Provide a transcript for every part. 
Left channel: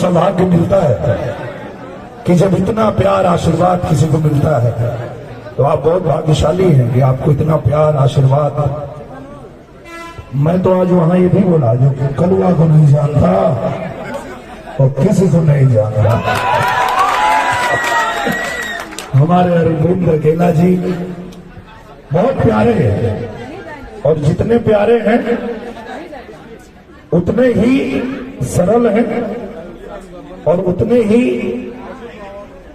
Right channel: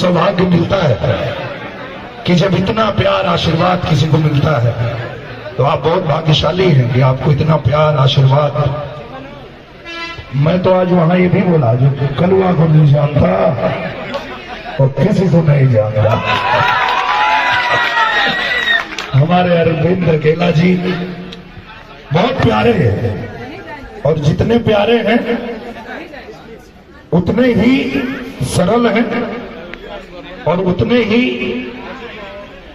सौभाग्य मिलता है कि जब इतना प्यार आशीर्वाद किसी को मिलता है तो आप बहुत भाग्यशाली हैं कि आपको इतना प्यार आशीर्वाद। मैं तो आज वहां ये भी बोला जो कलवा को नहीं जानता और किसी को नहीं जानता, हमारे अरविंद अकेला जी बहुत प्यारे हैं और जितने प्यारे हैं उतने ही सरल हैं और उतने ही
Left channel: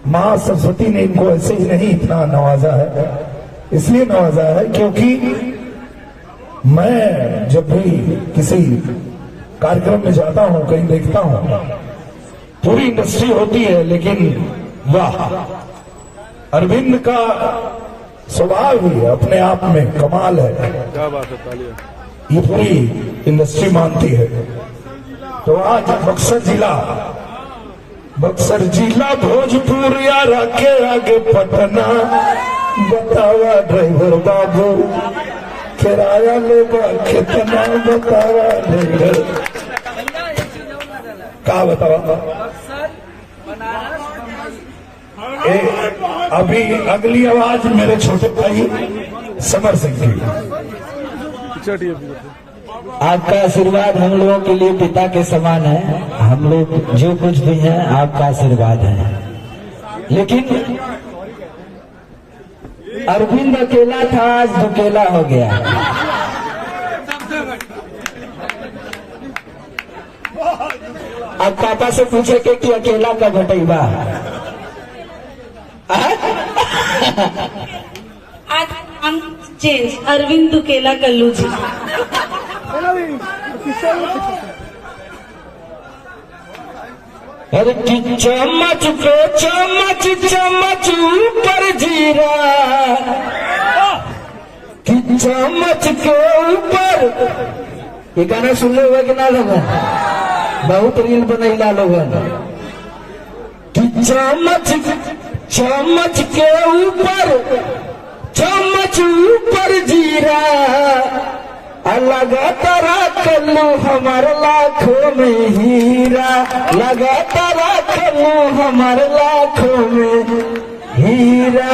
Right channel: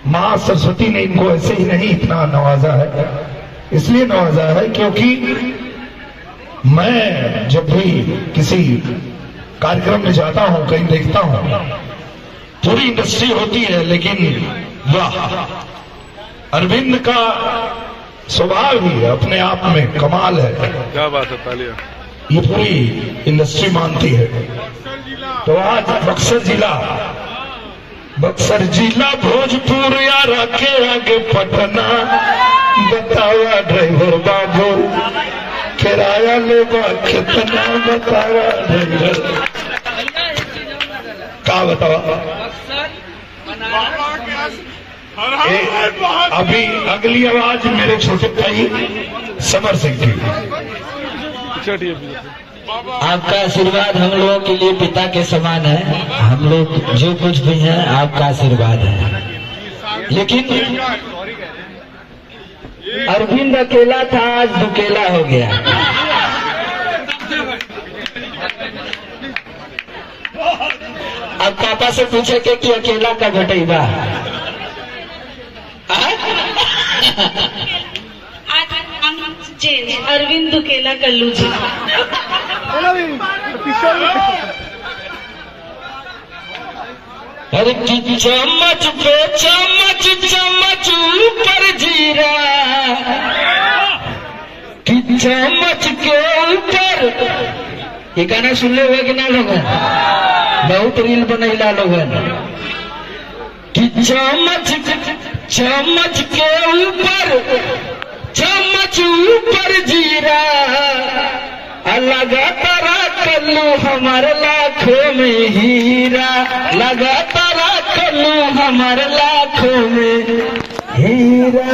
मां सरस्वती ने इनको ऐसे ही नहीं इतना नवाजा है। इसलिए नवाजा है क्योंकि मैं जब भी किसी कार्यक्रम में जाता हूं, कहीं देखता हूं, पूरी इंडस्ट्री होती है, लेकिन वाह, अरविंद का स्वभाव ही अपने आप में कमाल है। क्या बात है, तालियां। ये पूरी इंडस्ट्री मानती है। तो आज बक्सर जिला भोजपुर या रखे आगे पटना, बतावा ड्राइवर बाबू किराया लेगा कितना, बतावा ड्राइवर क्या बतावा। अभी अगली आवाज मेरे छोटे भाई समर सिंह की। आपका आशीर्वाद हम लोगों के लिए पिता के समान है। हम लोग जो कुछ भी हैं आपका आशीर्वाद है। लेकिन अरविंद अकेला था, आज दुकेला हो गया। अब पापा से पूछे के कि अकेला का घटेगा। चेंज अरविंद दुकेला कल्लू जी। अरे चम्मच पे चम्मच चम्मच ऊपर जीरा, कि चम्मच के ऊपर। ये गाना सुन ले हुए कि ना लोगों, बहुत रील बनैला लोगन। कि चम्मच चम्मच के ऊपर, चम्मच ऊपर जीरा, लगातार कल्लू हमारे लाखों में हीरा, लगातार कल्लू हमारे लाखों में हीरा।